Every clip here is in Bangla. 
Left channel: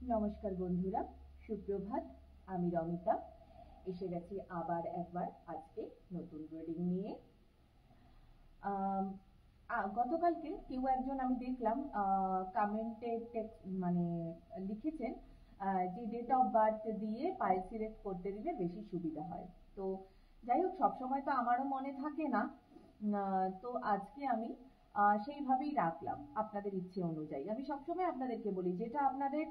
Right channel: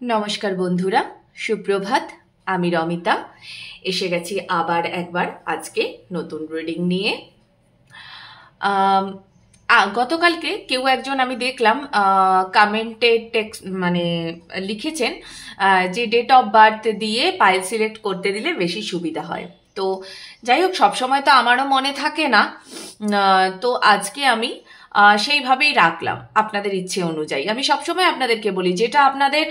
নমস্কার বন্ধুরা, সুপ্রভাত। আমি রমিতা এসে গেছি আবার একবার আজকে নতুন রিডিং নিয়ে। আম, গতকালকে কেউ একজন আমি দেখলাম কমেন্টে টেক্সট মানে লিখেছেন যে ডেট অফ বার্থ দিয়ে পাইল সিলেক্ট করতে দিলে বেশি সুবিধা হয়। তো যাই হোক, সবসময় তো আমারও মনে থাকে না। তো আজকে আমি সেইভাবেই রাখলাম আপনাদের ইচ্ছে অনুযায়ী। আমি সবসময় আপনাদেরকে বলি, যেটা আপনাদের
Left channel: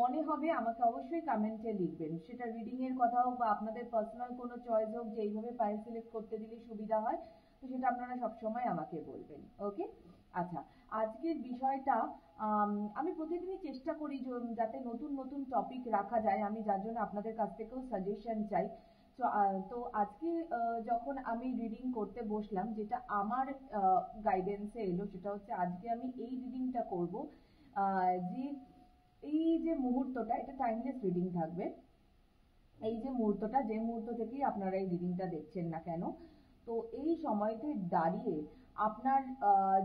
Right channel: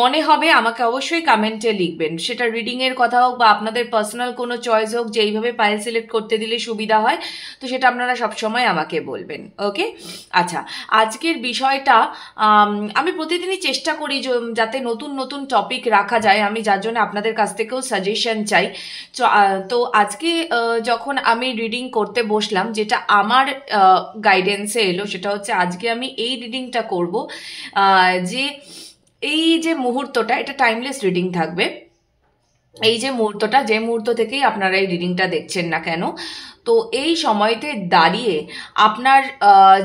মনে হবে আমাকে অবশ্যই কমেন্টে লিখবেন। সেটা রিডিংয়ের কথা হোক বা আপনাদের পার্সোনাল কোনো চয়েস হোক, যে এইভাবে পাইল সিলেক্ট করতে দিলে সুবিধা হয়, তো সেটা আপনারা সবসময় আমাকে বলবেন। ওকে, আচ্ছা। আজকের বিষয়টা আমি প্রতিদিনই চেষ্টা করি যাতে নতুন নতুন টপিক রাখা যায়। আমি যার জন্য আপনাদের কাছ থেকেও সাজেশন চাই। তো আজকে যখন আমি রিডিং করতে বসলাম, যেটা আমার গাইডেন্সে এলো সেটা হচ্ছে আজকে আমি এই রিডিংটা করব যে এই যে মুহূর্তটা, এটা টাইমলেস রিডিং থাকবে। এই যে মুহূর্তটা, যে মুহূর্ত থেকেই আপনারা এই রিডিংটা দেখছেন না কেন, তো এই সময়তে দাঁড়িয়ে আপনার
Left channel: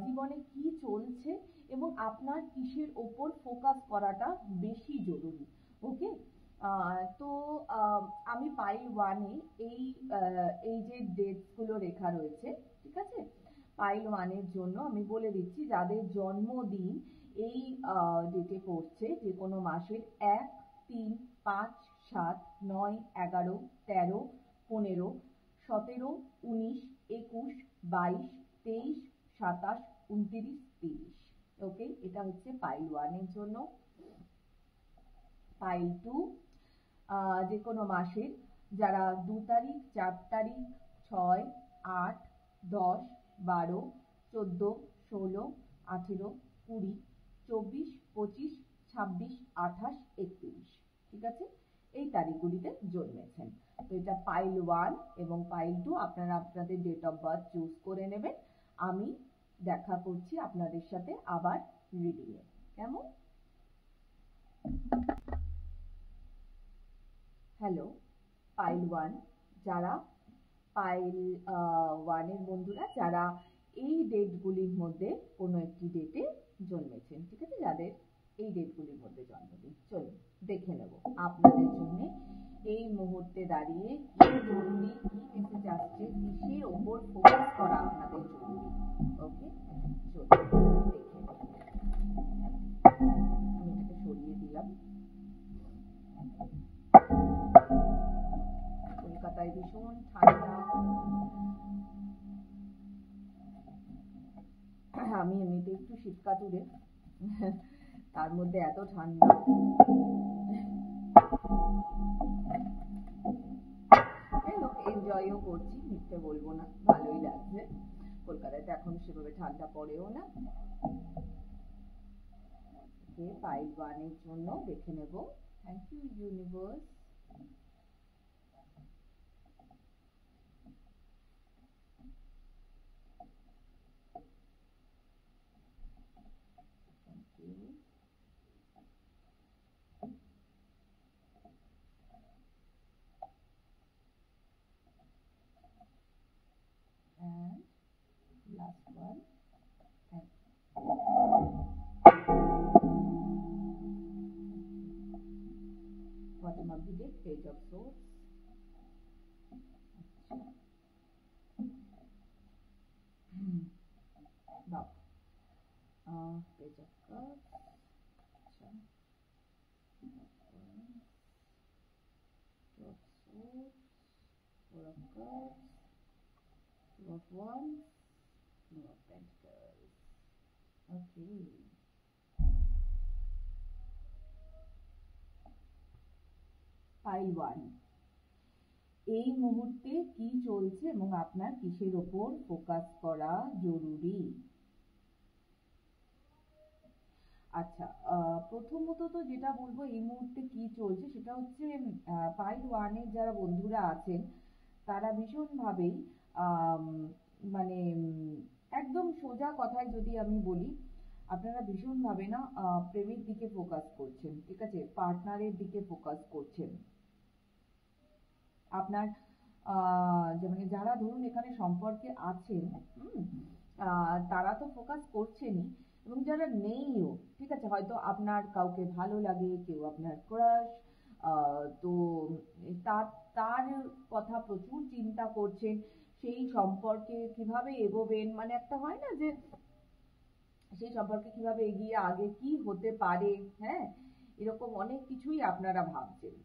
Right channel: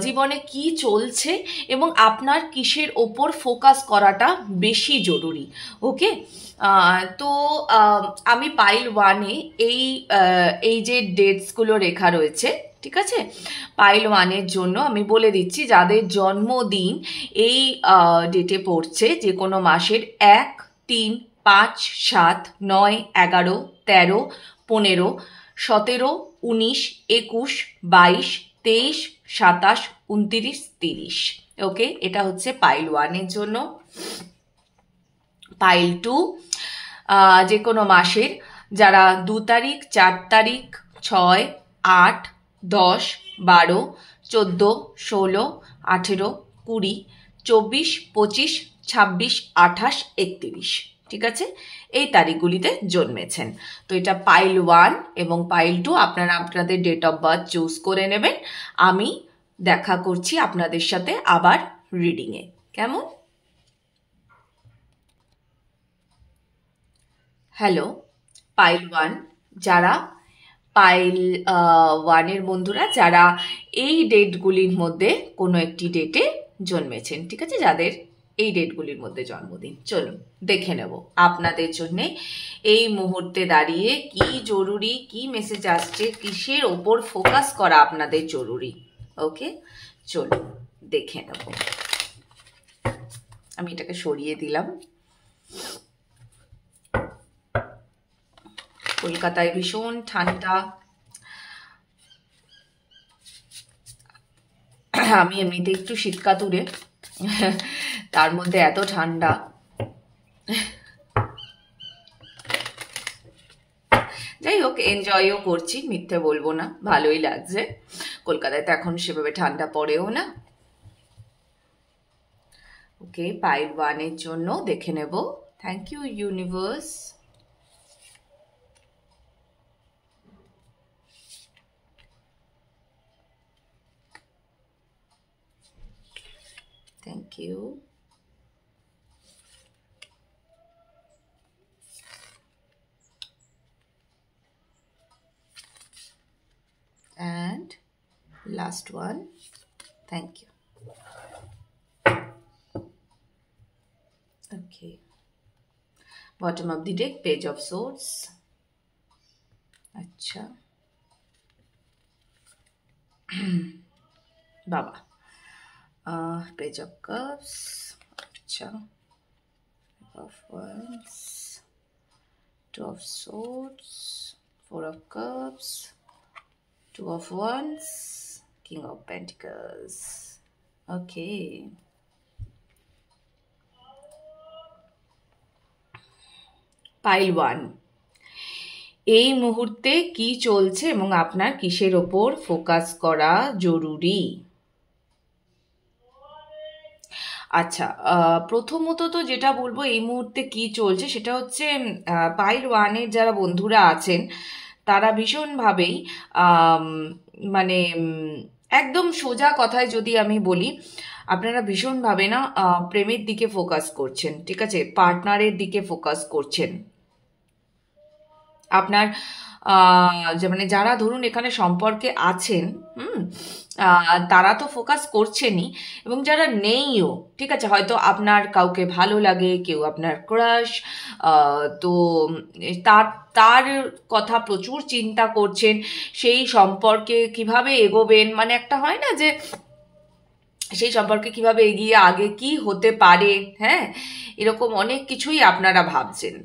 জীবনে কি চলছে এবং আপনার কিসের ওপর ফোকাস করাটা বেশি জরুরি। ওকে, তো আমি পাইল ওয়ানে এই যে ডেটসগুলো রেখা রয়েছে, ঠিক আছে, পাইল ওয়ানের জন্য আমি বলে দিচ্ছি যাদের জন্মদিন এই ডেটে পড়ছে, যে কোনো মাসের 1, 3, 5, 7, 9, 11, 13, 15, 17, 19, 21, 22, 23, 27, 29, 30। ওকে, এটা হচ্ছে পাইল ওয়ানের জন্য। পাইল টু যে কোনো মাসের যারা 2 তারিখ, 4 তারিখ, 6, 8, 10, 12, 14, 16, 18, 20, 24, 25, 26, 28, 31, ঠিক আছে, এই তারিখগুলিতে জন্মেছেন। তো এটা পাইল ওয়ান এবং পাইল টু আপনারা আপনাদের ডেট অফ বার্থ চুজ করে নেবেন। আমি দেখা করছি আপনাদের সাথে আবার রিডিংয়ে। কেমন? হ্যালো, পাইল ওয়ান যারা, পাইল ওয়ানের বন্ধুরা যারা এই ডেটগুলির মধ্যে কোনো একটি ডেটে জন্মেছেন, ঠিক আছে, যাদের এই ডেটগুলির মধ্যে জন্মদিন, চলুন দেখে নেব আপনাদের জন্য এই মুহূর্তে দাঁড়িয়ে কি জরুরি, কি মেসেজ আসছে, কিসের ওপর ফোকাস করা আপনাদের জরুরি। ওকে, চলুন দেখে নেব। আমি এটাকে সরিয়ে দিলাম। কলকাতায় ভীষণ ঠান্ডা। আমি এমনিতে একটু শীতকাতুরে, তার মধ্যে এত ঠান্ডা। যাই হোক, এনজয়ও করছি, মিথ্যে বলবো না, ভালোই লাগছে। কলকাতায় তো এখন সেভাবে ঠান্ডা পড়েও না। ওকে, পাইল ওয়ানের জন্য দেখে নেব। Thank you universe. Thank you. And last one. Thank you. Okay. Bottom of the deck, Page of Swords. अच्छा बाबा, Page of Cups. अच्छा, of Wands, Two of Swords, Four of Cups, Two of Wands, King of Pentacles. Okay. Pile one, এই মুহূর্তে কি চলছে এবং আপনার কিসের ওপর ফোকাস করা জরুরি। আচ্ছা, প্রথমত তো যেটা বলবো এই মুহূর্তে কি চলছে সেটা হচ্ছে পাইল ওয়ানের যারা বন্ধুরা আছেন তারা ভীষণভাবেই মানে একদম সোজা কথায় যদি আমি বলি, আপনারা ভীষণভাবে না প্রেমের দিকে ফোকাস করছেন, ঠিক আছে, পার্টনারের দিকে ফোকাস করছেন। আপনার যে মানে যারা ধরুন এখানে সম্পর্কে আছেন, তারা তো ফোকাস করছেনই, এবং যারা নেইও, ঠিক আছে, হয়তো আপনার কাউকে ভালো লাগে, কেউ আপনার ক্রাশ, তো তার তার কথা প্রচুর চিন্তা করছেন, সেই সম্পর্কে কিভাবে এগোবেন, মানে একটা হয় না যে সেই সম্পর্কে কিভাবে এগিয়ে আগে কি হতে পারে, হ্যাঁ, এরকম অনেক কিছুই আপনারা ভাবছেন।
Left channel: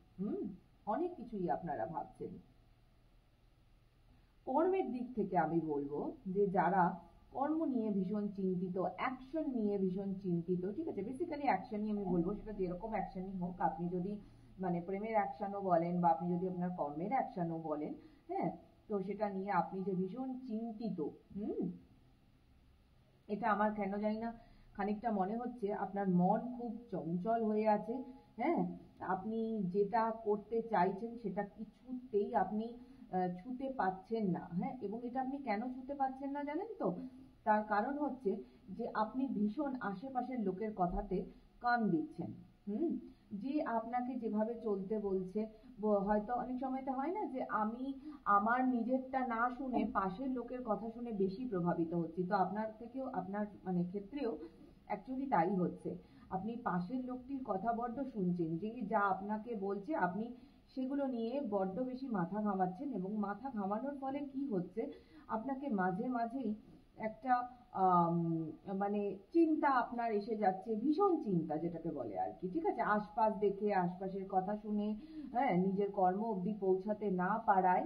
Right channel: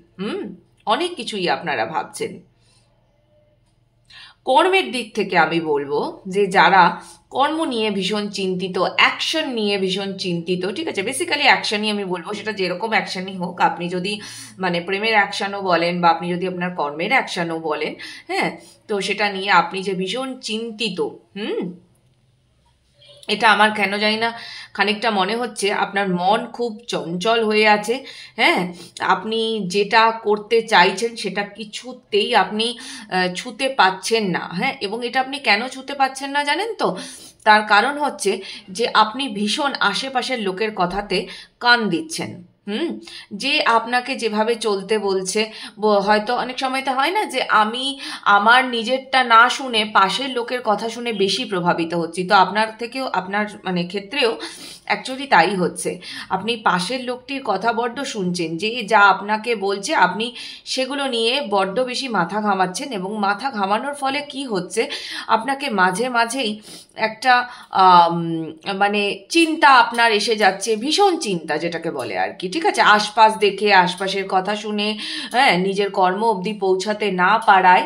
অনেক কিছুই আপনারা ভাবছেন। কর্মের দিক থেকে আমি বলবো যে যারা কর্ম নিয়ে ভীষণ চিন্তিত, অ্যাকশন নিয়ে ভীষণ চিন্তিত, ঠিক আছে, বেসিক্যালি অ্যাকশনই আমি বলবো, সেটা যেরকম অ্যাকশনই হোক, আপনি যদি মানে প্রেমের অ্যাকশনও বলেন বা আপনি যদি আপনার কর্মের অ্যাকশনও বলেন, হ্যাঁ, তো সেটা নিয়ে আপনি যে ভীষণ চিন্তিত, এটা আমার কেন জানি না খানিকটা মনে হচ্ছে আপনার মন খুব চঞ্চল হয়ে আছে, হ্যাঁ, আপনি যেটা করতে চাইছেন সেটা কিছুতেই আপনি ছুঁতে পাচ্ছেন না, হ্যাঁ, এবং এটা আপনি কেন ছুঁতে পাচ্ছেন না জানেন তো? তার কারণ হচ্ছে যে আপনি ভীষণ আশেপাশের লোকের কথাতে কান দিচ্ছেন। যে আপনাকে যেভাবে চলতে বলছে, হয়তো অনেক সময় তো হয় না যে আমি আমার নিজেরটা না শুনে পাশের লোকের কথা শুনে বেশি প্রভাবিত হচ্ছি, তো আপনার থেকেও আপনার মানে ক্ষেত্রেও অ্যাকচুয়ালি তাই হচ্ছে। আপনি পাশের লোকটির কথা বড্ড শুনছেন, যে যা আপনাকে বলছে আপনি সেগুলো নিয়ে বড্ড বেশি মাথা ঘামাচ্ছেন, এবং মাথা ঘামানোর ফলে কি হচ্ছে, আপনাকে মাঝে মাঝেই একটা মানে চিন্তা আপনার এসে যাচ্ছে, ভীষণ চিন্তা যেটাকে বলে আর কি, ঠিক আছে, আশপাশ দেখে, আশপাশের কথা শুনে, হ্যাঁ, নিজের কর্ম অবধি পৌঁছাতে না পারায়।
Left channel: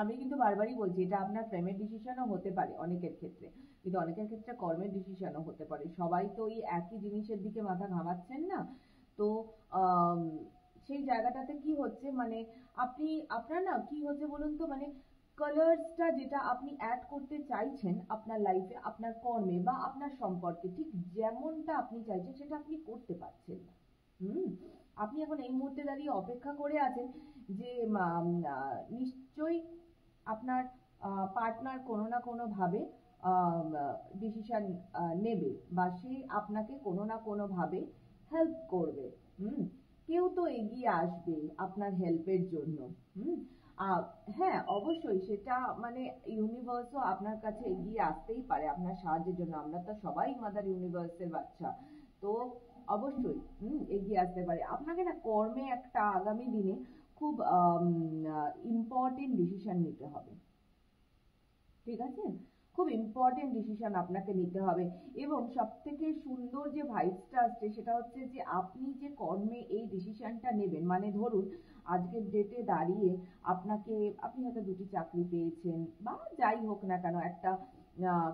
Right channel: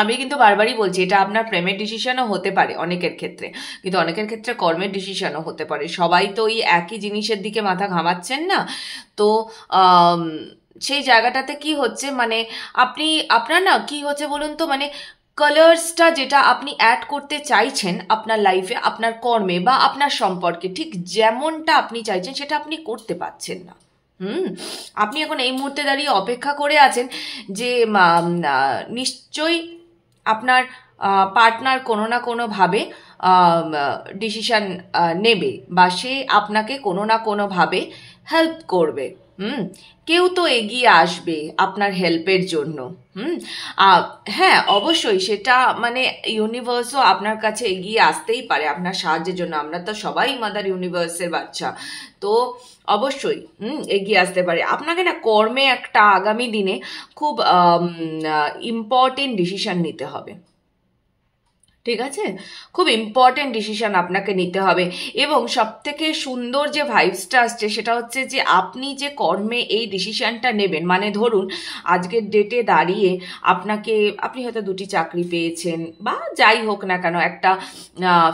আমি কিন্তু বারবারই বলছি, এটা আপনার প্রেমের ডিসিশনও হতে পারে অনেকের ক্ষেত্রে, কিন্তু অনেকের ক্ষেত্রে কর্মের ডিসিশনও হতে পারে, সবাই তো ওই একই জিনিসের দিকে মাথা ঘামাচ্ছেন না। তো সেই জায়গাটাতে কি হচ্ছে, মানে আপনি আপনার না কি হচ্ছে বলুন তো, মানে কালার্সটা যেটা আপনি অ্যাড করতে চাইছেন আপনার লাইফে, আপনার কর্মে বা আপনার সম্পর্কে, ঠিক যেমনটা আপনি চাইছেন সেটা আপনি করতে পারছেন না। আপনি এখন এই মুহূর্তে দাঁড়িয়ে অপেক্ষা করে আছেন যে নিশ্চয়ই আপনার পার্টনার কোনো না কোনোভাবে ডিসিশন নেবে, বা সে আপনাকে কোনো না কোনোভাবে হেল্প করবে। কেউ তো এগিয়ে আসবে আপনার হেল্পের জন্য। হ্যাঁ, অবশ্যই সেটা মানে ইউনিভার্সও আপনার কাছে এগিয়ে আসতেই পারে আপনার সাহায্যের জন্য, আমরা তো সবাই মাদার ইউনিভার্সের বাচ্চা, তো অবশ্যই এগিয়ে আসতে পারে আপনাকে না। কর্মে একটা আগামী দিনে খুব ইম্পর্টেন্ট ডিসিশন নিতে হবে, ঠিক আছে, খুব ইম্পর্টেন্ট ডিসিশন আপনাকে নিতে হবে, এবং সবথেকে সুন্দর যে ভাইবসটা আসছে সেটা হচ্ছে যে আপনি যে কর্মে এই ডিসিশনটা নেবেন, মানে ধরুন আজকের ডেটে দাঁড়িয়ে আপনি হয়তো 2টি চাকরি পেয়েছেন, বা যাই হোক না কেন, একটা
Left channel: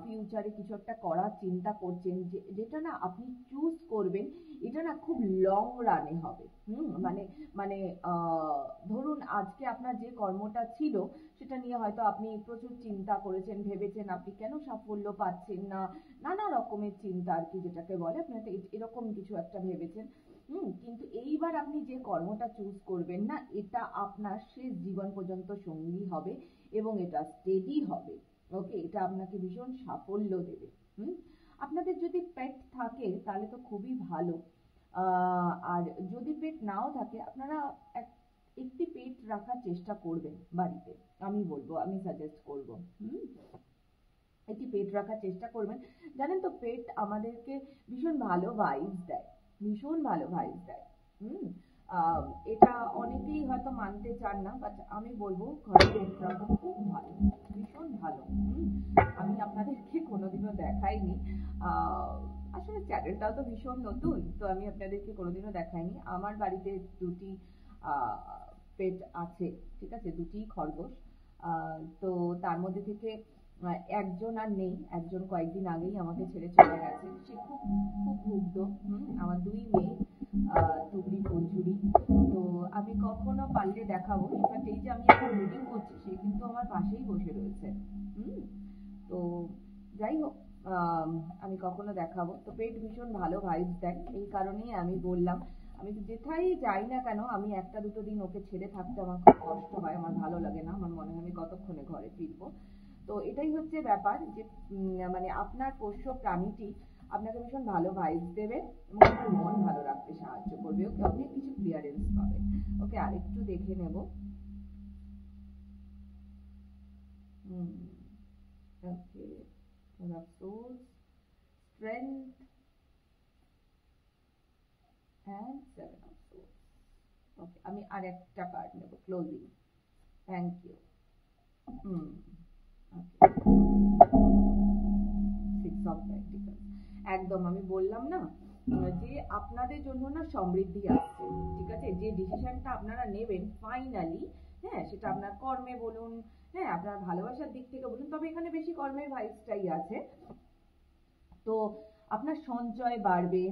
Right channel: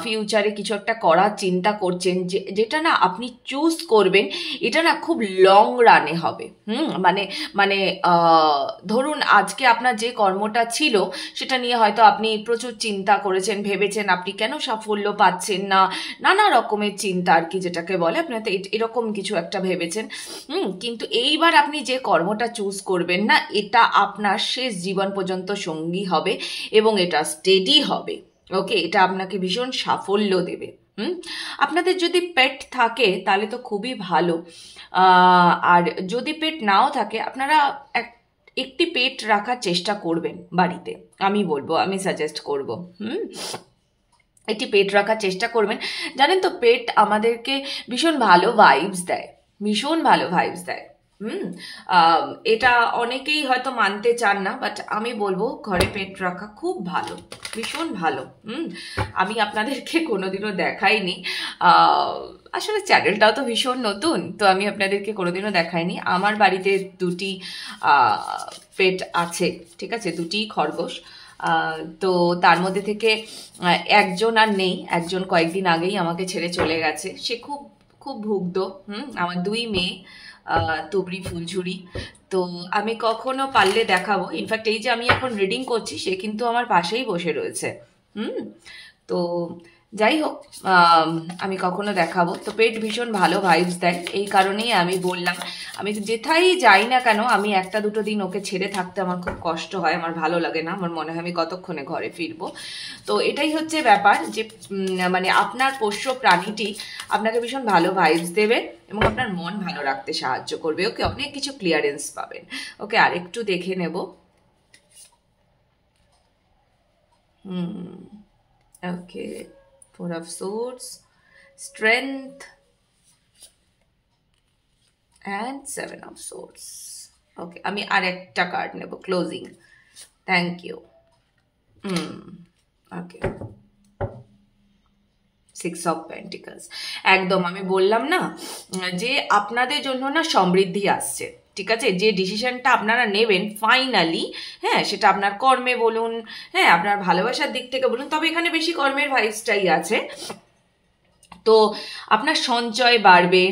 ফিউচারে কিছু একটা করার চিন্তা করছেন, যেটা না আপনি চুজ করবেন, এটা না খুব লং রানে হবে। মানে মানে ধরুন আজকে আপনার যে কর্মটা ছিল সেটা নিয়ে হয়তো আপনি প্রচুর চিন্তা করেছেন, ভেবেছেন আপনি কেন সাফল্য পাচ্ছেন না, নানা রকমের চিন্তা আর কি, যেটাকে বলে আপনি হয়তো এরকম কিছু একটা ভেবেছেন। কিন্তু এইবার আপনি যে কর্মটা চুজ করবেন না, এটা আপনার শেষ জীবন পর্যন্ত সঙ্গী হবে, এবং এটা স্টেডি হবে। ওকে, এটা আপনাকে ভীষণ সাফল্য দেবে। আপনাদের যদি পেট থাকে তাহলে তো খুবই ভালো, আর যদি পেট নাও থাকে আপনারা একটি পেট রাখার চেষ্টা করবেন বাড়িতে, আমি বলবো, আমি সাজেস্ট করব। একটি পেট রাখার চেষ্টা করবেন। জানেন তো, পেট আমাদেরকে ভীষণ ভালো ভাইবস দেয়, ভীষণ ভালো ভাইবস দেয়। এটা অনেকেই হয়তো মানতে চান না, বাট আমি বলবো ঘরে পেট রাখা খুব ভালো, ভীষণ ভালো। আমি আপনাদেরকে কোনোদিনও দেখাইনি, আসলে চ্যানেলটাও তো ভীষণ নতুন, তো আমি আপনাদেরকে কোনোদিনও দেখাইনি। আমার বাড়িতে 2টি পেট আছে, ঠিক আছে, 2টি খরগোশ, তো তার মধ্যে থেকে একজন আর নেই, একজন কয়েকদিন আগেই আমাকে ছেড়ে চলে গেছে, সে খুব খুব ভুগ্ধ। আমার 2 মেয়ে, তুবড়ি ফুলঝুরি, তো আমি কখনো পারলে দেখাবো। ইনফ্যাক্ট এই যে আমি এখন রিডিং করছি, সে কিন্তু আমার পাশেই বসে রয়েছে। তো যাই হোক, আমি কখনো দেখাবো। তো পেট ভীষণ ভালো ভাইবস দেয়, এই কারণেই আমি বললাম, আমি যেথাই যাই না কেন আমি 1-2 দিন ওকে ছেড়ে থাকতে আমার খুব কষ্ট হয়, আমার ভালো লাগে না, আমার মনে হয় আমি কতক্ষণে ঘরে ফিরবো। তো এটাই হচ্ছে ব্যাপার, যে মানে আপনার পোষ্য প্রাণীটি আপনাকে ভীষণ ভালো ভাইবস দেবে এবং আপনার মন ভালো রাখতে সাহায্য করবে। ওকে, অনেক কিছু ক্লিয়ারেন্স পাবেন। ওকে, আরেকটু দেখে নেব। ওকে, 4 of swords, strength and 7 of swords. ওকে, আমি আরেকটা কার্ড নেব, closing. Thank you. Okay, 6 of Pentacles। একদম আমি বললাম না যে আপনাদের জন্য না সমৃদ্ধি আসছে, ঠিক আছে? যে ডিসিশনটা আপনারা নেবেন ফাইনালি, হ্যাঁ, সেটা আপনার কর্মে বলুন, হ্যাঁ, আপনার ভালোবাসার দিক থেকে বলুন, তবে এখানে বেশি কর্মের ভাইবসটাই আছে। তো আপনার সঞ্চয় বাড়বে,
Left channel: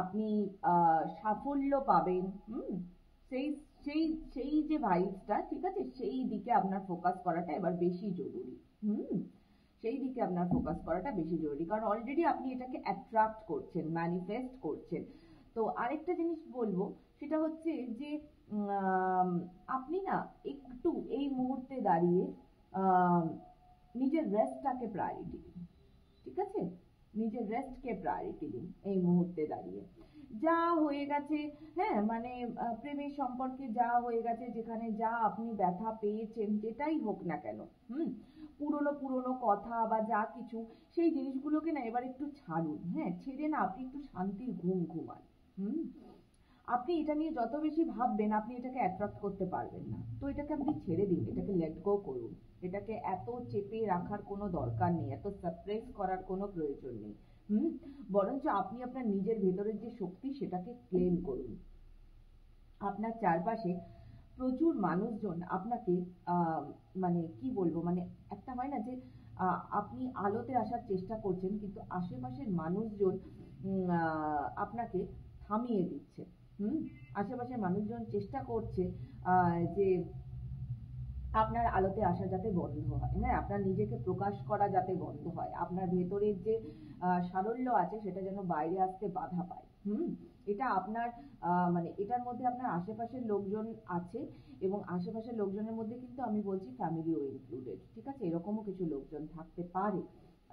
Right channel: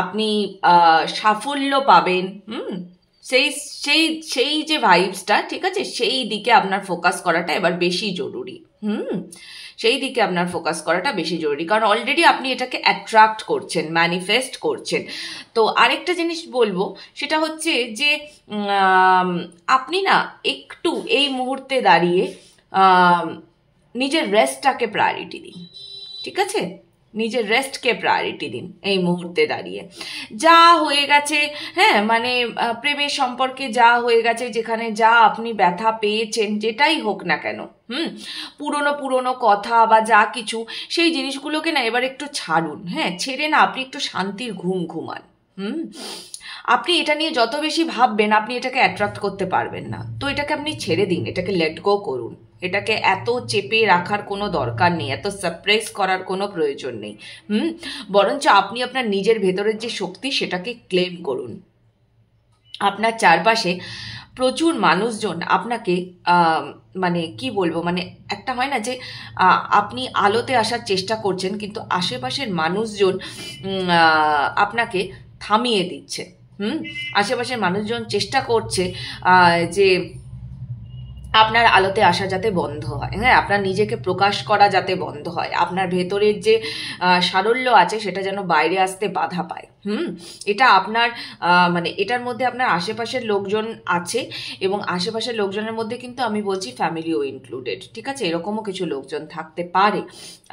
আপনি সাফল্য পাবেন, সেই সেই সেই যে ভাইবসটা, ঠিক আছে, সেই দিকে আপনার ফোকাস করাটা এবার বেশি জরুরি। সেই দিকে আপনার ফোকাস করাটা বেশি জরুরি, কারণ অলরেডি আপনি এটাকে অ্যাট্রাক্ট করছেন, ম্যানিফেস্ট করছেন। তো আরেকটা জিনিস বলবো, সেটা হচ্ছে যে আপনি না একটু এই মুহূর্তে দাঁড়িয়ে নিজের রেস্টটাকে প্রায়োরিটি দিন, ঠিক আছে? নিজের রেস্টকে প্রায়োরিটি দিন এই মুহূর্তে দাঁড়িয়ে। যা হয়ে গেছে, হ্যাঁ, মানে প্রেমের সম্পর্কে যা হয়ে গেছে, যেখানে যা আপনি ব্যথা পেয়েছেন, যেটাই হোক না কেন, পুরনো কথা বা যা কিছু, সেই জিনিসগুলোকে না এবার একটু ছাড়ুন, হ্যাঁ, ছেড়ে না আপনি একটু শান্তির ঘুম ঘুমান। আপনি এটা নিয়ে যত বেশি ভাববেন, আপনি এটাকে অ্যাট্রাক্ট করতে পারবেন না। তো এটাকে আপনি ছেড়ে দিন, এটাকে লেট গো করুন। এটাকে এত চেপে রাখার কোনো দরকার নেই, এত সাপ্রেস করার কোনো প্রয়োজন নেই। বরঞ্চ আপনি আপনার নিজের ভেতরের যে শক্তি, সেটাকে ক্লেম করুন। আপনার চারপাশে প্রচুর মানুষজন আপনাকে মানে কি বলবো, মানে একটা হয় না যে আপনি আলোতে আসার চেষ্টা করছেন, কিন্তু আশেপাশের মানুষজন আপনাকে থামিয়ে দিচ্ছে। আশেপাশের মানুষজন চেষ্টা করছে যে আপনার আলোতে আসা যাতে বন্ধ হয়, হ্যাঁ, আপনার নিজেকে প্রকাশ করা যাতে বন্ধ হয়, আপনার ভেতরের যে সারল্য আছে সেটা যেন বাইরে আসতে বাধা পায়। এটা আপনার মানে এটার মধ্যে আপনার আশেপাশের লোকজন আছে, এবং আশেপাশের লোকজনের মধ্যে কিন্তু আমি বলছি ফ্যামিলিও ইনক্লুডেড, ঠিক আছে? এরকমও কিছু লোকজন থাকতে পারে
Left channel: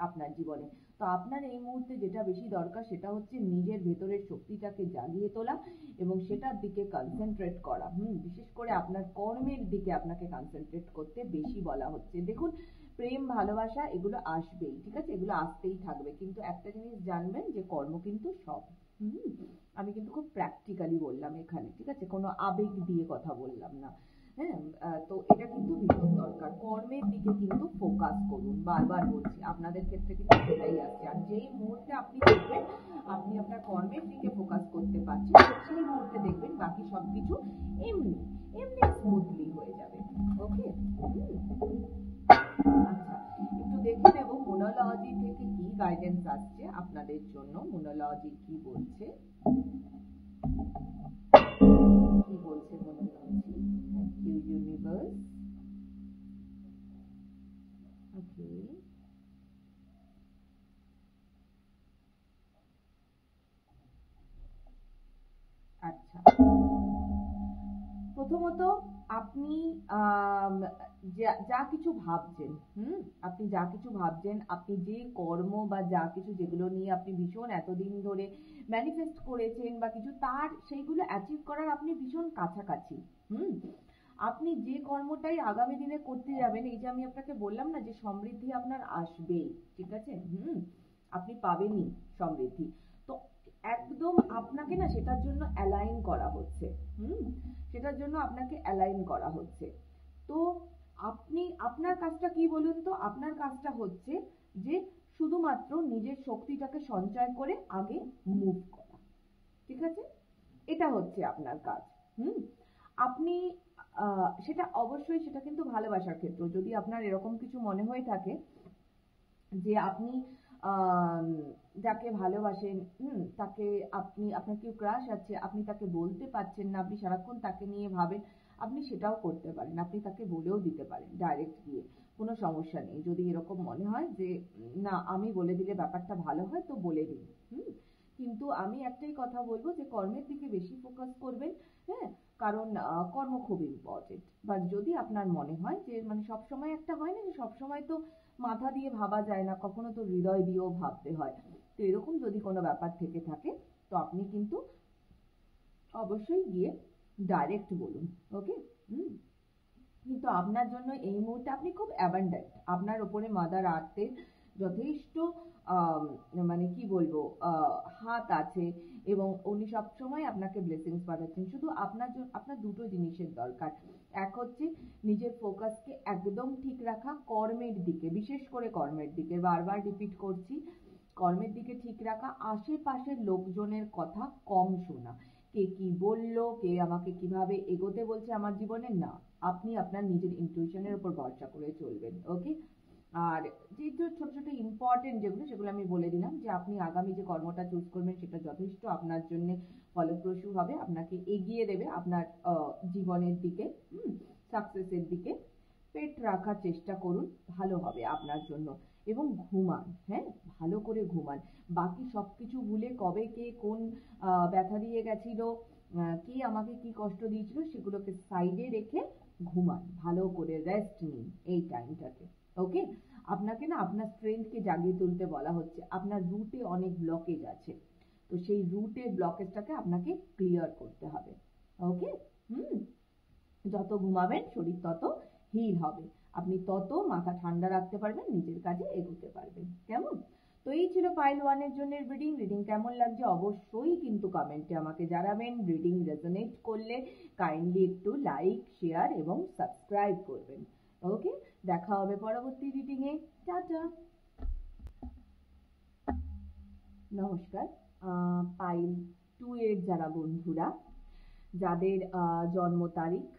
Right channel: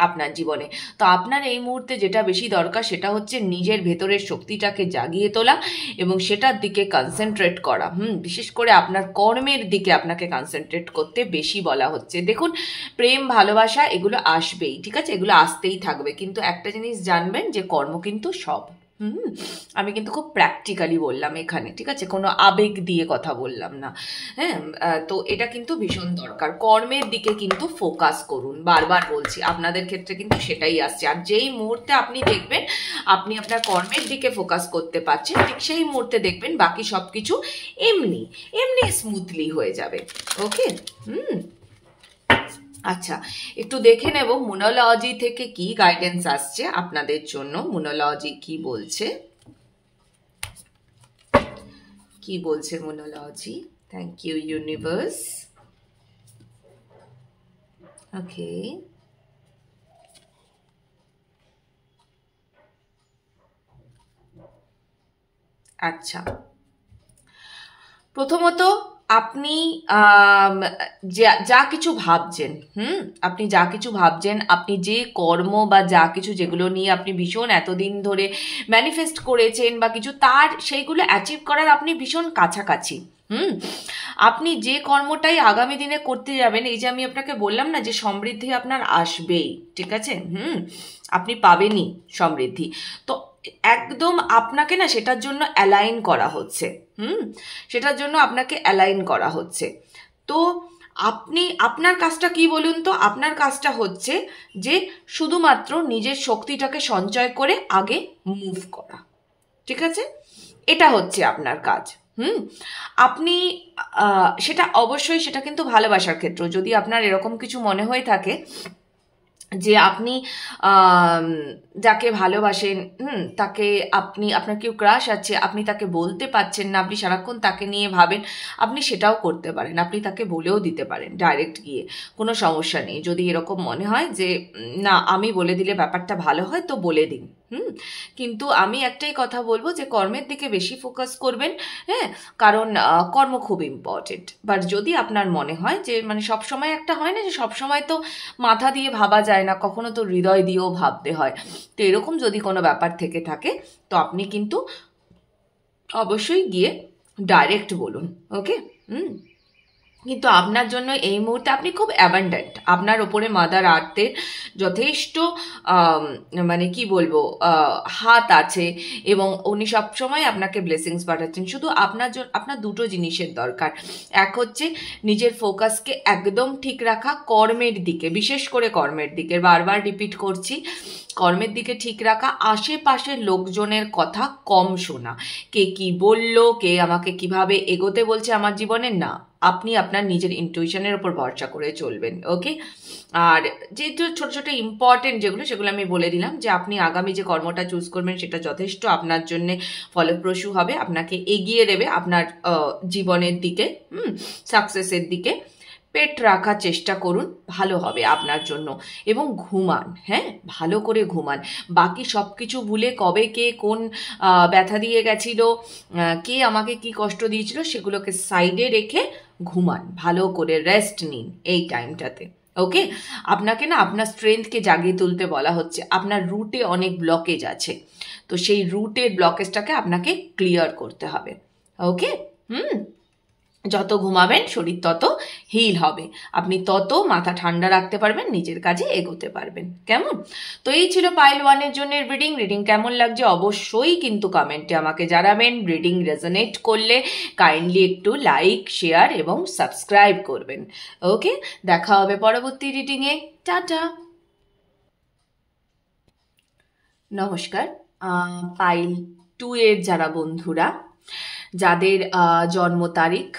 আপনার জীবনে। তো আপনার এই মুহূর্তে যেটা বেশি দরকার, সেটা হচ্ছে নিজের ভেতরের শক্তিটাকে জাগিয়ে তোলা এবং সেটার দিকে কনসেন্ট্রেট করা। বিশেষ করে আপনার কর্মের দিকে আপনাকে কনসেন্ট্রেট করতে বেশি বলা হচ্ছে। দেখুন, প্রেম ভালোবাসা এগুলো আসবেই, ঠিক আছে, এগুলো আসতেই থাকবে, কিন্তু একটা জিনিস জানবেন যে কর্ম কিন্তু সব। আমি কিন্তু খুব প্র্যাকটিক্যালি বললাম এখানে, ঠিক আছে, কোনো আবেগ দিয়ে কথা বললাম না। হ্যাঁ, তো এটা কিন্তু ভীষণ দরকার, কর্মের দিকে কিন্তু ফোকাস করুন। বারবার বলছি, আপনাদের ক্ষেত্রে কিন্তু সেটাই আসছে। আর যেই মুহূর্তে আপনি দেখবেন আপনি আপনার কর্মের দিকে ফোকাস করতে পারছেন, ঠিক সেই মুহূর্তে দেখবেন বাকি সব কিছু এমনি এমনি স্মুথলি হয়ে যাবে। ওকে, আচ্ছা, একটু দেখে নেব মুনোলজি থেকে কি গাইডেন্স আসছে আপনাদের জন্য। মুনোলজি কি বলছে, কি বলছে numerology? Thank you universe. Okay, আচ্ছা, প্রথমত আপনি যা কিছু ভাবছেন, আপনি যা কিছু ভাবছেন, আপনি যে কর্ম বা যা কিছু যেগুলো নিয়ে আপনি ভীষণ এতদিন ধরে ম্যানিফেস্ট করেছেন বা কিছু, তার সেইগুলো অ্যাচিভ করার আপনি ভীষণ কাছাকাছি। আপনি যে কর্মটাই আগামী দিনে করতে যাবেন, এই যে আমি আপনাকে বললাম না যে সমৃদ্ধি আপনার আসবেই, ঠিক আছে, আপনি পাবেনই সমৃদ্ধি। তো একদম আপনাকে না সেটার জন্য অ্যালাইন করা হচ্ছে, সেটার জন্য আপনাকে অ্যালাইন করা হচ্ছে। তো আপনি আপনার কাজটা কি বলুন তো? আপনার কাজটা হচ্ছে যে শুধুমাত্র নিজের শক্তিটাকে সঞ্চয় করে আগে মুভ করা, ঠিক আছে? এটা হচ্ছে আপনার কাজ। আপনি সেটা অবশ্যই, সেটা কিন্তু ভালোবাসার ক্ষেত্র, যদি আপনার এরকম কিছু মনে হয়ে থাকে যে আপনি যাকে ভালোবাসেন, তাকে আপনার কেউ ক্রাশ আছে, আপনি তাকে বলতে পারছেন না, আপনি সারাক্ষণ তাকে নিয়ে ভাবেন, আপনি সেটাও করতে পারেন, আপনি তাকে বলেও দিতে পারেন ডাইরেক্ট গিয়ে, কোনো সমস্যা নেই। যদি এরকম মনে হয় যে না, আমি বলে দিলে ব্যাপারটা ভালো হয়, তো বলে দিন। কিন্তু আমি একটাই কথা বলবো যে কর্মের দিকে বেশি ফোকাস করবেন, হ্যাঁ, কারণ কর্ম খুব ইম্পর্টেন্ট। বাট যদি আপনার মনে হয় যে মানে সবসময় একটা হয় না যে সবসময় তো মাথা দিয়ে ভাবা যায় না, কখনো তো হৃদয় দিয়েও ভাবতে হয়, তো এরকম যদি কোনো ব্যাপার থেকে থাকে, তো আপনি কিন্তু অবশ্যই গিয়ে ডাইরেক্ট বলুন। ওকে, কিন্তু আপনার জন্য এই মুহূর্তে আপনি খুব অ্যাবান্ডেন্ট, আপনার ওপরে মাদার আর্থের যথেষ্ট মানে কি বলবো হাত আছে, এবং উনি সবসময় আপনাকে ব্লেসিংস পাঠাচ্ছেন। শুধু আপনার দুটো জিনিসের দরকার। এক হচ্ছে নিজের ফোকাসকে একদম ঠিক রাখা কর্মের দিকে, বিশেষ করে কর্মের দিকে, বারবার রিপিট করছি, কর্মের দিকে ঠিক রাখা, আশেপাশের লোকজনের কথা কম শোনা, কে কি বলল, কে আমাকে কিভাবে এগোতে বলছে আমার জীবনে, না, আপনি আপনার নিজের ইনটুইশনের উপর ভরসা করে চলবেন। ওকে, আর যেহেতু ছোট ছোট ইম্পর্টেন্ট যেগুলো, সেগুলো আমি বলে দিলাম যে আপনি আগামী যে কর্মটা চুজ করবেন সেটা যথেষ্ট আপনার জন্য ফলপ্রসূ হবে, আপনাকে এগিয়ে দেবে আপনার জীবনের দিকে, সাকসেসের দিকে। পেট রাখার চেষ্টা করুন, ভালো হবে আপনার জন্য। এবং ঘুমান, হ্যাঁ, ভালো করে ঘুমান। বাকি সব কিছু ভুলে, কবে কে কোন ব্যথা দিয়ে গেছিল, কে আমাকে কি কষ্ট দিয়েছিল, সেগুলোকে সাইডে রেখে ঘুমান, ভালো করে রেস্ট নিন এই টাইমটাতে। ওকে, আপনাকে না আপনার স্ট্রেংথকে জাগিয়ে তুলতে বলা হচ্ছে। আপনার রুটে অনেক ব্লকেজ আছে, তো সেই রুটের ব্লকেজটাকে আপনাকে ক্লিয়ার করতে হবে। ওকে, যত ঘুমাবেন শরীর তত হিল হবে, আপনি তত মাথা ঠান্ডা রাখতে পারবেন, নিজের কাজে এগোতে পারবেন। কেমন? তো এই ছিল পাইল 1-এর জন্য রিডিং কেমন লাগছে অবশ্যই কিন্তু কমেন্টে আমাকে জানাবেন। রিডিং রেজোনেট করলে কাইন্ডলি একটু লাইক, শেয়ার এবং সাবস্ক্রাইব করবেন। ওকে, দেখা হবে পরবর্তী রিডিংয়ে। টাটা। নমস্কার। পাইল 2-এর যারা বন্ধুরা, যাদের জন্ম তারিখ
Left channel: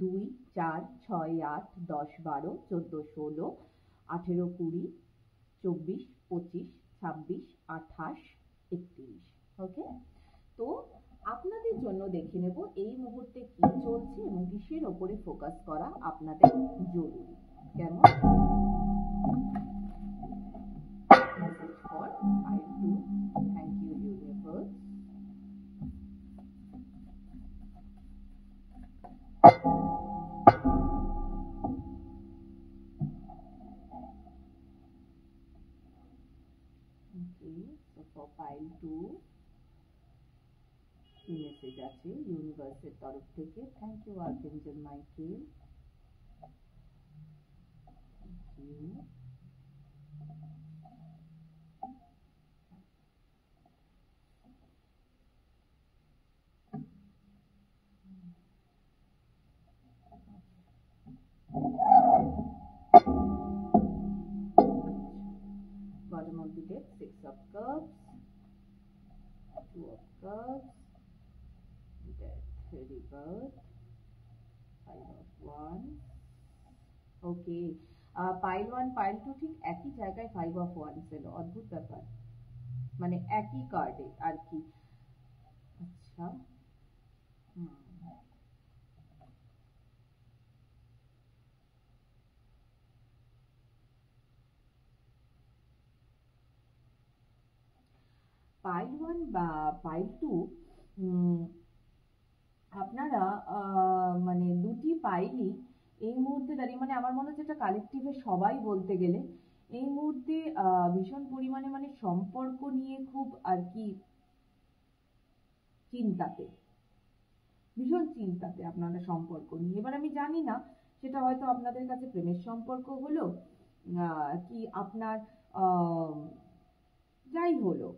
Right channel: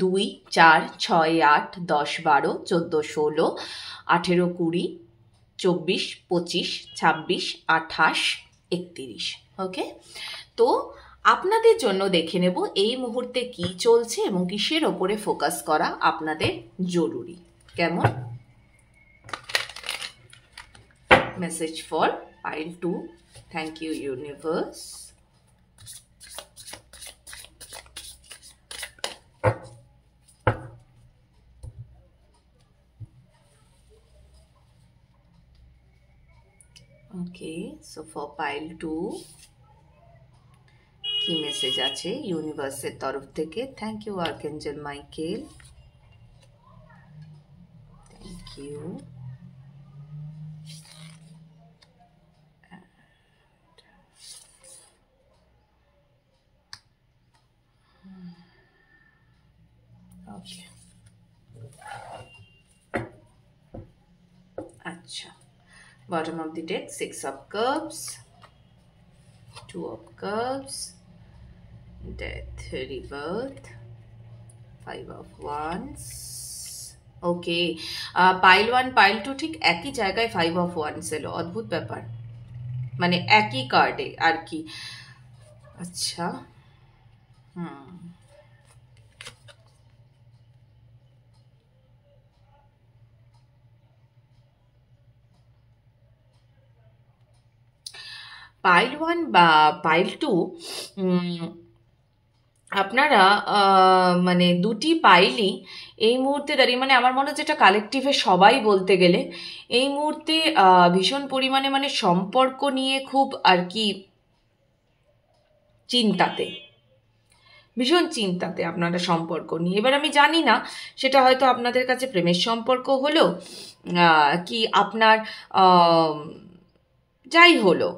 2, 4, 6, 8, 10, 12, 14, 16, 18, 20, 24, 25, 26, 28, 31। ওকে, তো আপনাদের জন্য দেখে নেব এই মুহূর্তে কি চলছে এবং কিসের ওপরে ফোকাস করা আপনাদের জরুরি। কেমন? Message for pile 2। Thank you universe. Okay, so for pile 2 কি মেসেজ আছে ইউনিভার্সের তরফ থেকে? Thank you archangel Michael, thank you. Okay, আচ্ছা, bottom of the deck 6 of cups, 2 of cups, death, rebirth, 5 of wands। Okay, pile 1 pile 2 ঠিক একই জায়গায় 5 of wands এলো, অদ্ভুত ব্যাপার, মানে একই কার্ডে আর কি। আচ্ছা, পাইল 1 বা পাইল 2, আপনারা মানে দুটি পাইলই এই মুহূর্তে দাঁড়িয়ে, মানে আমার মনে হচ্ছে এটা কালেকটিভে সবাই বলতে গেলে এই মুহূর্তে ভীষণ পরিমাণে মানে সম্পর্ক নিয়ে খুব আর কি চিন্তাতে, ভীষণ চিন্তাতে আপনারা সম্পর্ক নিয়ে। এবার আমি জানি না সেটা হয়তো আপনাদের কাছে প্রেমের সম্পর্ক হলো কি আপনার যাই হলো,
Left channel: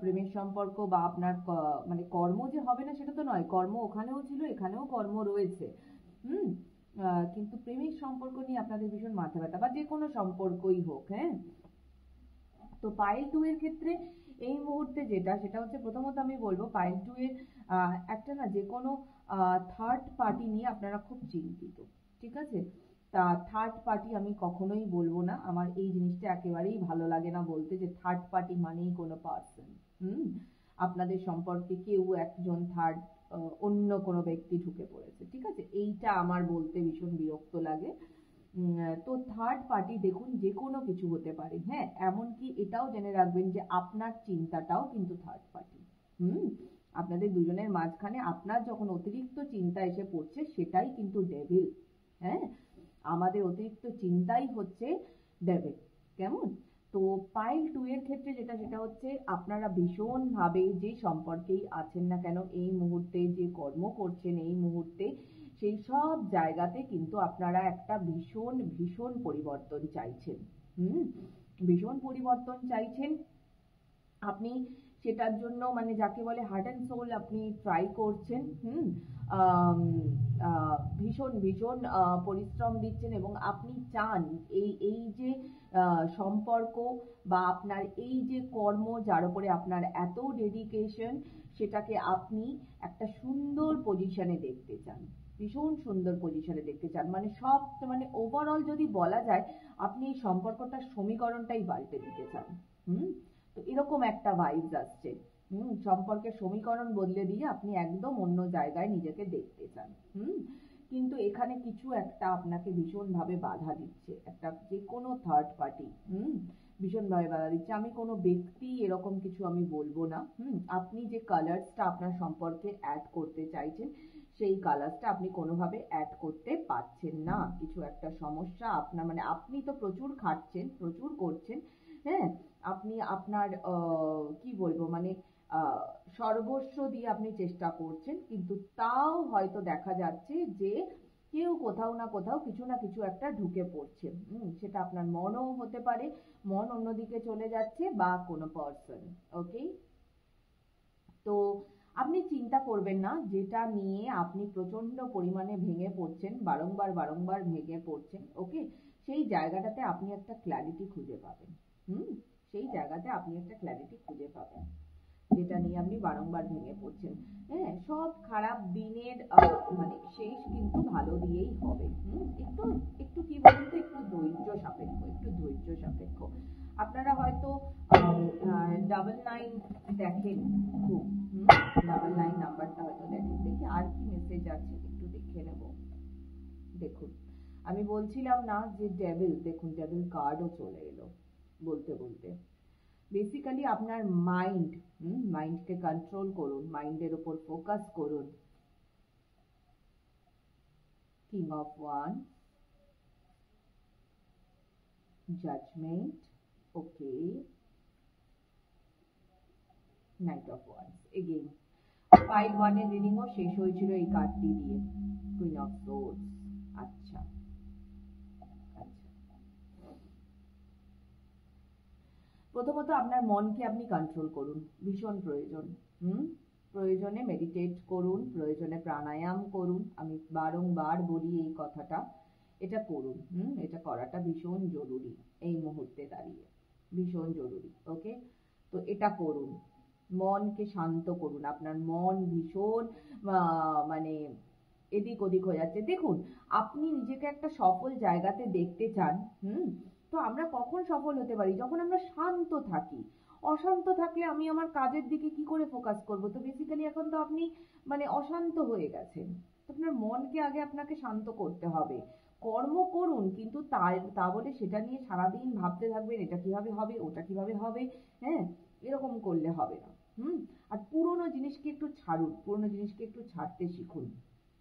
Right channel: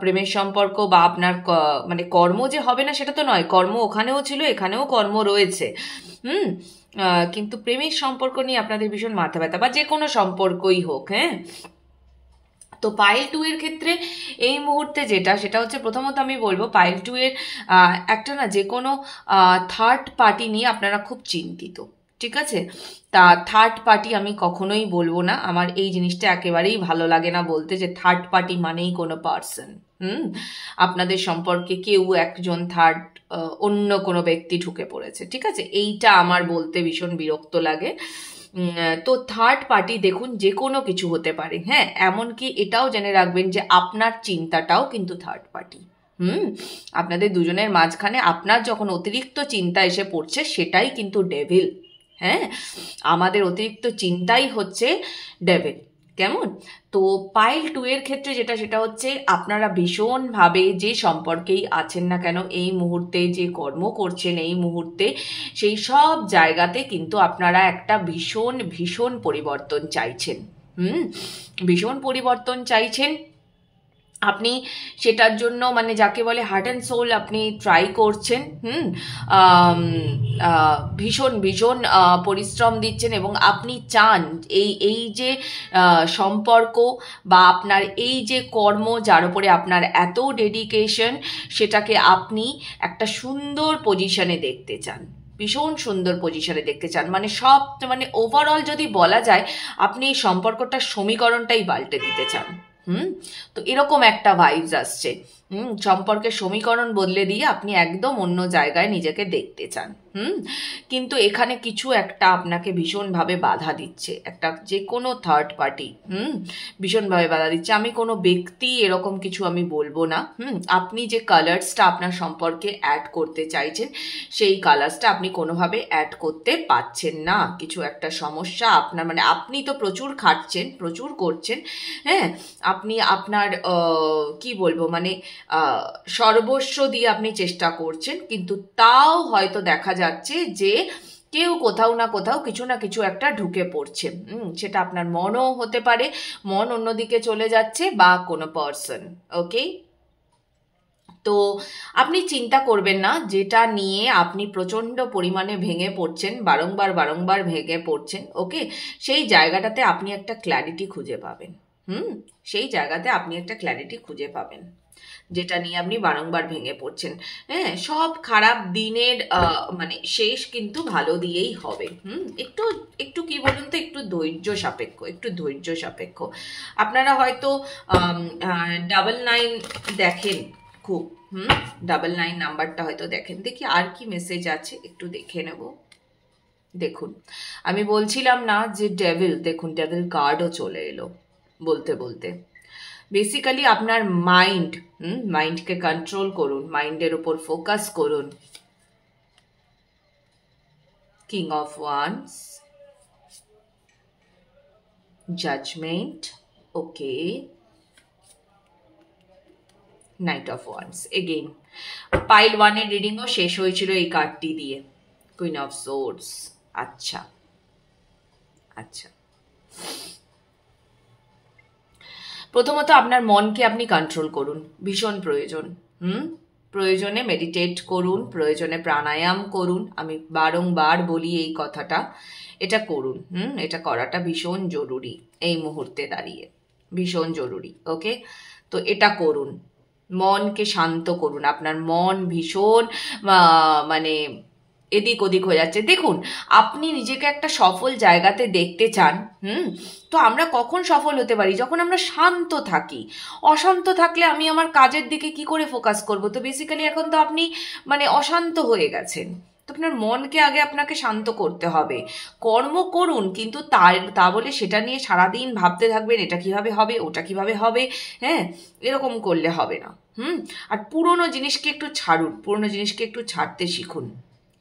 প্রেমের সম্পর্ক বা আপনার মানে কর্ম যে হবে না সেটা তো নয়, কর্ম ওখানেও ছিল, এখানেও কর্ম রয়েছে, কিন্তু প্রেমের সম্পর্ক নিয়ে আপনাদের ভীষণ মাথা ব্যথা, বা যে কোনো সম্পর্কই হোক। হ্যাঁ, তো পাইল 2 এর ক্ষেত্রে এই মুহূর্তে যেটা, সেটা হচ্ছে প্রথমত আমি বলবো পাইল 2 এর একটা না যে কোনো থার্ড পার্টি নিয়ে আপনারা খুব চিন্তিত, ঠিক আছে? তা থার্ড পার্টি আমি কখনোই বলবো না, আমার এই জিনিসটা একেবারেই ভালো লাগে না বলতে, যে থার্ড পার্টি মানেই কোনো পার্সন, আপনাদের সম্পর্কে কেউ একজন থার্ড, অন্য কোনো ব্যক্তি ঢুকে পড়েছে, ঠিক আছে? এইটা আমার বলতে ভীষণ বিরক্ত লাগে। তো থার্ড পার্টি দেখুন যে কোনো কিছু হতে পারে, হ্যাঁ, এমনকি এটাও জেনে রাখবেন যে আপনার চিন্তাটাও কিন্তু থার্ড পার্টি। আপনাদের দুজনের মাঝখানে আপনার যখন অতিরিক্ত চিন্তা এসে পড়ছে সেটাই কিন্তু ডেভিল। হ্যাঁ, আমাদের অতিরিক্ত চিন্তাই হচ্ছে ডেভিল। কেমন? তো পাইল 2 এর ক্ষেত্রে যেটা, সেটা হচ্ছে আপনারা ভীষণভাবে যে সম্পর্কেই আছেন না কেন এই মুহূর্তে, যে কর্ম করছেন এই মুহূর্তে, সেই সব জায়গাতে কিন্তু আপনারা একটা ভীষণ ভীষণ পরিবর্তন চাইছেন। ভীষণ পরিবর্তন চাইছেন আপনি, সেটার জন্য মানে যাকে বলে হার্ট অ্যান্ড সোল আপনি ট্রাই করছেন। ভীষণ ভীষণ পরিশ্রম দিচ্ছেন এবং আপনি চান এই এই যে সম্পর্ক বা আপনার এই যে কর্ম, যার উপরে আপনার এত ডেডিকেশন, সেটাকে আপনি একটা সুন্দর পজিশনে দেখতে চান, ভীষণ সুন্দর পজিশনে দেখতে চান। মানে সব, মানে ওভারঅল যদি বলা যায়, আপনি এই সম্পর্কটার সমীকরণটাই পাল্টে দিতে চান। তো এরকম একটা ভাইবস আসছে। সম্পর্কের সমীকরণ বদলে দিয়ে আপনি একদম অন্য জায়গায় নিজেকে দেখতে চান। কিন্তু এখানে কিছু একটা আপনাকে ভীষণভাবে বাধা দিচ্ছে, একটা যে কোনো থার্ড পার্টি ভীষণভাবে বাধা দিচ্ছে। আমি কোনো ব্যক্তি এরকম কিছু আমি বলবো না। আপনি যে কালার্সটা আপনার সম্পর্কে অ্যাড করতে চাইছেন, সেই কালার্সটা আপনি কোনোভাবে অ্যাড করতে পারছেন না। কিছু একটা সমস্যা আপনার, মানে আপনি তো প্রচুর খাটছেন, প্রচুর করছেন, হ্যাঁ, আপনি আপনার কি বলবো, মানে সর্বস্ব দিয়ে আপনি চেষ্টা করছেন, কিন্তু তাও হয়তো দেখা যাচ্ছে যে কেউ কোথাও না কোথাও কিছু না কিছু একটা ঢুকে পড়ছে। সেটা আপনার মনও হতে পারে, মন অন্যদিকে চলে যাচ্ছে, বা কোনো পার্সন। ওকে, তো আপনি চিন্তা করবেন না, যেটা নিয়ে আপনি প্রচণ্ড পরিমাণে ভেঙে পড়ছেন, বারংবার বারংবার ভেঙে পড়ছেন, ওকে, সেই জায়গাটাতে আপনি একটা ক্ল্যারিটি খুঁজে পাবেন। সেই জায়গাতে আপনি একটা ক্ল্যারিটি খুঁজে পাবেন, যেটা নিয়ে আপনি বারংবার ভেঙে পড়ছেন। হ্যাঁ, সব খারাপ দিনের মানে শেষ কিন্তু ভালো দিয়েই হবে। একটু একটু কি বলুন তো, একটু ধৈর্য সাপেক্ষ, একটু ধৈর্য সাপেক্ষ। আপনারা হয়তো 99 দেখেন খুব, 99 নাম্বারটা হয়তো দেখেন। দেখি আর কি মেসেজ আছে, একটু দেখে নেব। দেখুন, আমি বলছিলাম না যে ডেভিল, দেখুন ডেভিল কার্ডও চলে এলো বলতে বলতে। বেসিক্যালি আপনার মাইন্ডকে কন্ট্রোল করুন, মাইন্ডের উপর ফোকাস করুন। King of wands, judgement, okay, knight of wands. Again pile 1 এর রিডিংও শেষ হয়েছিল এই কার্ডটি দিয়ে, কুইন অফ সোর্ডস। আচ্ছা আচ্ছা, প্রথমত আপনার মনকে আপনি কন্ট্রোল করুন, ভীষণ প্রয়োজন। প্রয়োজনে মেডিটেট করুন, প্রয়োজনে প্রাণায়াম করুন। আমি বারংবার বলি এই কথাটা, এটা করুন। এটা করাটা ভীষণ জরুরি এই মুহূর্তে দাঁড়িয়ে, ভীষণ জরুরি। ওকে, তো এটা করুন, মনকে শান্ত করুন। আপনার মন ভীষণ মানে এদিক ওদিক হয়ে যাচ্ছে। দেখুন, আপনি নিজেকে একটা সফল জায়গাতে দেখতে চান। তো আমরা কখন সফল হতে পারি? যখন আমরা শান্ত থাকি। অশান্ত থাকলে আমি আমার কাজের দিকে কি করে ফোকাস করব? তো বেসিক্যালি এখন তো আপনি মানে অশান্ত হয়ে গেছেন। তো আপনার মনকে আগে আপনাকে শান্ত করতে হবে। কর্ম করুন, কিন্তু তা বলে সেটা নিয়ে সারাদিন ভাবতে থাকবেন এটা কিভাবে হবে, ওটা কিভাবে হবে, হ্যাঁ, এরকম করলে হবে না। আর পুরনো জিনিসকে একটু ছাড়ুন, পুরনো জিনিসকে একটু ছাড়তে শিখুন,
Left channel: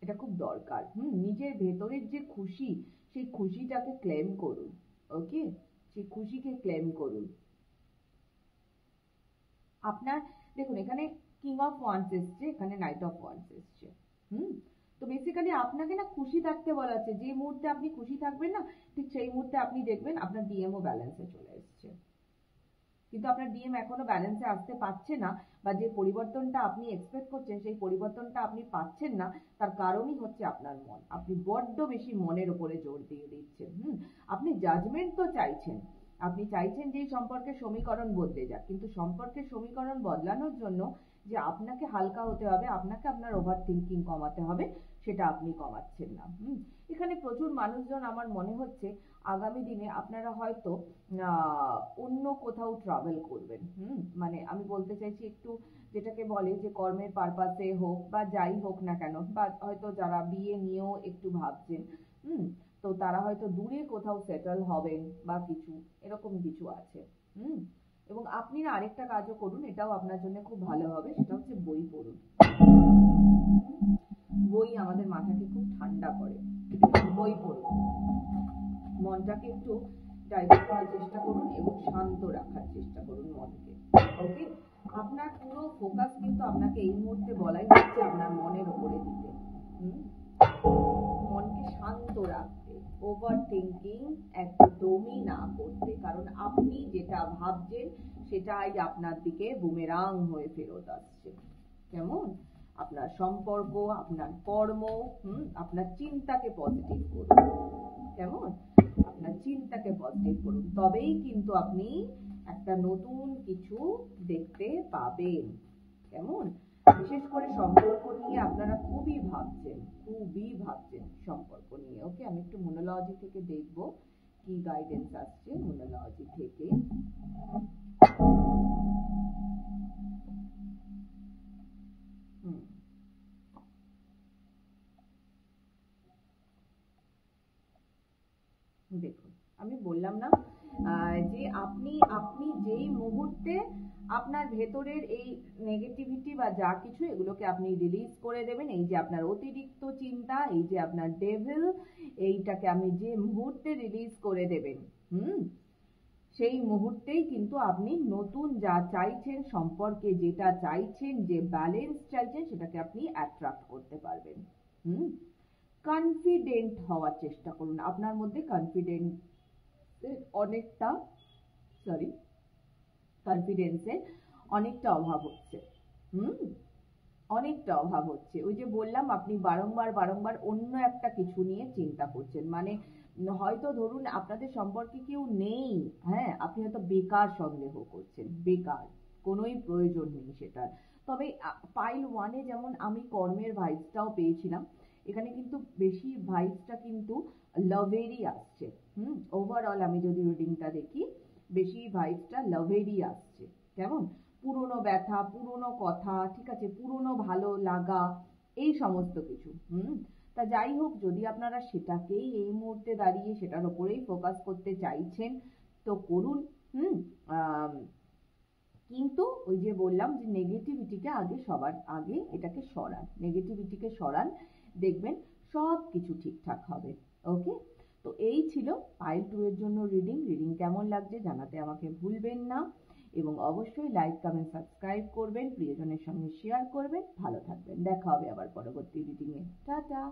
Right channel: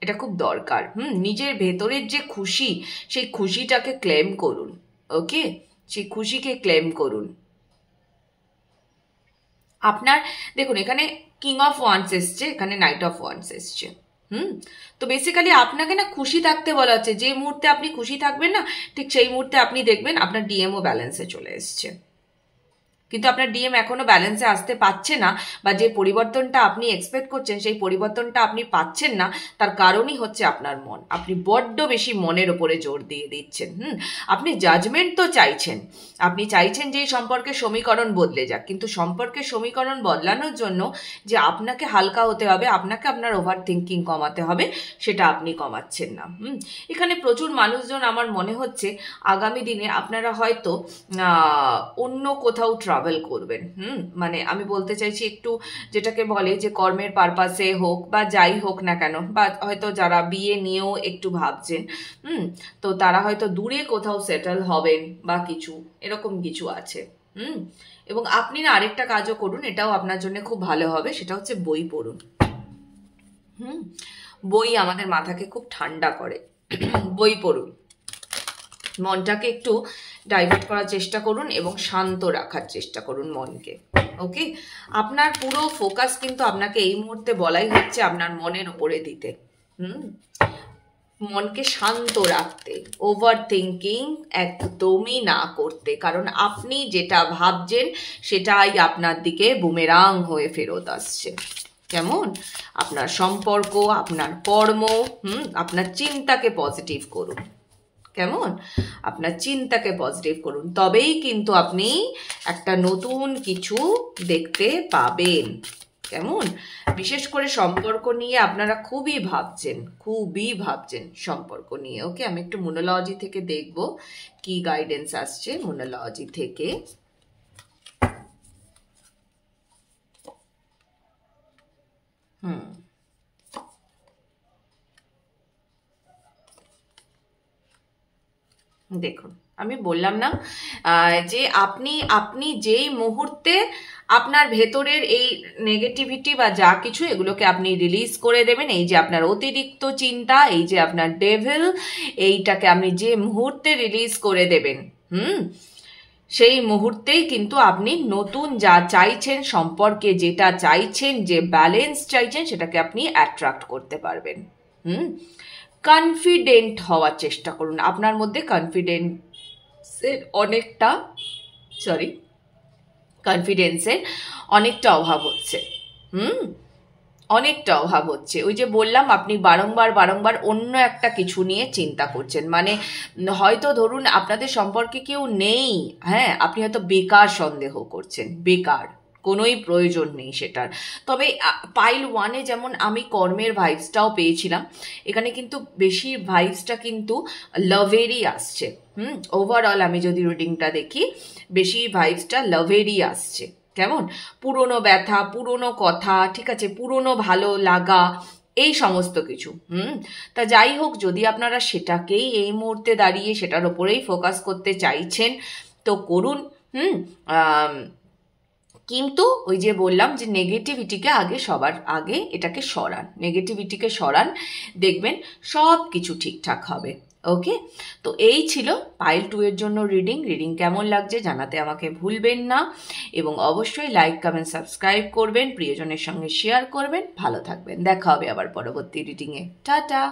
এটা খুব দরকার। নিজের ভেতরের যে খুশি, সেই খুশিটাকে ক্লেম করুন। ওকে, সেই খুশিকে ক্লেম করুন। আপনার দেখুন, এখানে কিং অফ ওয়ান্স এসছে, এখানে নাইট অফ ওয়ান্স এসছে। তো বেসিক্যালি আপনাকে না খুশি থাকতে বলা হচ্ছে। যে মুহূর্তে আপনি খুশি থাকবেন না, ঠিক সেই মুহূর্তে আপনি দেখবেন আপনার ডিএমও ব্যালেন্সে চলে এসছে। কিন্তু আপনার ডিএম এখনো ব্যালেন্সে আসতে পারছে না, বা যে পরিবর্তনটা আপনি এক্সপেক্ট করছেন সেই পরিবর্তনটা আপনি পাচ্ছেন না, তার কারণই হচ্ছে আপনার মন। আপনি বড্ড বেশি মনের ওপরে জোর দিয়ে দিচ্ছেন। আপনি জাজমেন্ট তো চাইছেন, আপনি চাইছেন যে এই সম্পর্কের সমীকরণ বদলে যাক, কিন্তু সম্পর্কের সমীকরণ বদলানোর জন্য যে আপনাকে হালকা হতে হবে, আপনাকে আপনার ওভার থিঙ্কিং কমাতে হবে, সেটা আপনি কমাচ্ছেন না। এখানে প্রচুর মানুষজন, আমার মনে হচ্ছে আগামী দিনে আপনারা হয়তো অন্য কোথাও ট্রাভেল করবেন। মানে আমি বলতে চাইছি একটু, যেটাকে বলে যে কর্মের পারপাসে হোক বা যাই হোক না কেন, বা হয়তো যারা বিয়ে নিয়েও একটু ভাবছেন, তো তারা হয়তো দূরে কোথাও সেটেল হবেন বা কিছু এরকম কিছু আছে। এবং আপনি না আরেকটা কাজও করুন, এটাও আপনার জন্য খুব ভালো হবে, সেটা হচ্ছে বই পড়ুন। বই আমাদের মাথাকে খুব ঠান্ডা করে। বই পড়ুন, মনটাকে একটু ডাইভার্ট করার চেষ্টা করুন এবং শান্ত রাখার চেষ্টা করুন মনকে। ওকে, আপনার পুরো ফোকাস কিন্তু আপনাকে এই মুহূর্তে বলাই হচ্ছে আপনার মনের উপরে দিতে। মনকে শান্ত রাখতে, ওভার থিঙ্কিং একদমই না করতে, কারণ আপনি যেটা ভাবছেন সেটাই আপনার দিকে বুমেরাং হয়ে ফেরত আসছে। কেমন? আপনার সম্পর্ক, আপনার কর্ম, আপনার চিন্তাকে পজিটিভ করুন। কেমন? আপনার চিন্তাকে পজিটিভ করুন, তবেই কিন্তু আপনি একটা নতুন কিছু দেখতে পাবেন। কেমন? বিশেষ করে সম্পর্ক নিয়ে আপনারা খুবই ভাবছেন সম্পর্ক নিয়ে। ওকে, আমি একটু মোনোলজি থেকে দেখব কি গাইডেন্স আসছে মোনোলজি থেকে। দেখুন, আমি বললাম না যে আপনি যেই মুহূর্তে আপনার ভেতরের এই নেগেটিভিটি বা যা কিছু এগুলোকে আপনি রিলিজ করে দেবেন, এই যে আপনার অতিরিক্ত চিন্তা, এই যে আপনার ডেভিল, এইটাকে আপনি যে মুহূর্তে রিলিজ করে দেবেন, সেই মুহূর্তেই কিন্তু আপনি নতুন যা চাইছেন, সম্পর্কে যেটা চাইছেন, যে ব্যালেন্স চাইছেন, সেটাকে আপনি অ্যাট্রাক্ট করতে পারবেন। কনফিডেন্ট হওয়ার চেষ্টা করুন। আপনার মধ্যে কনফিডেন্সের অনেকটা অভাব হচ্ছে। অনেকটা অভাব হচ্ছে। ওই যে বললাম, আপনি বারংবার অন্য একটা কিছু নিয়ে চিন্তা করছেন। মানে হয়তো ধরুন আপনাদের সম্পর্কে কেউ নেই, হ্যাঁ, আপনি হয়তো বেকার সন্দেহ করছেন, বেকার, কোনোই প্রয়োজন নেই সেটার। তবে পাইল 1-এ যেমন আমি কর্মের ভাইবসটাও পেয়েছিলাম, এখানে কিন্তু বেশি ভাইবসটা কিন্তু লাভেরই আসছে। ওভারঅল আমি যদি রিডিংটা দেখি, বেশি ভাইবসটা লাভেরই আসছে। কেমন? পুরনো ব্যথা, পুরনো কথা, ঠিক আছে, পুরনো ভালো লাগা, এই সমস্ত কিছু। তা যাই হোক, যদি আপনারা সেটাকেই এই মুহূর্তে দাঁড়িয়ে সেটার ওপরেই ফোকাস করতে চাইছেন তো করুন। কিন্তু ওই যে বললাম যে নেগেটিভিটিকে সবার আগে এটাকে নেগেটিভিটিকে সরান, দেখবেন সব কিছু ঠিকঠাক হবে। ওকে, তো এই ছিল পাইল 2 এর জন্য রিডিং কেমন লাগছে জানাতে আমাকে ভুলবেন না, এবং অবশ্যই লাইক, কমেন্ট, সাবস্ক্রাইব করবেন, প্রিয়জনের সঙ্গে শেয়ার করবেন। ভালো থাকবেন, দেখা হবে আবার পরবর্তী রিডিংয়ে। টাটা।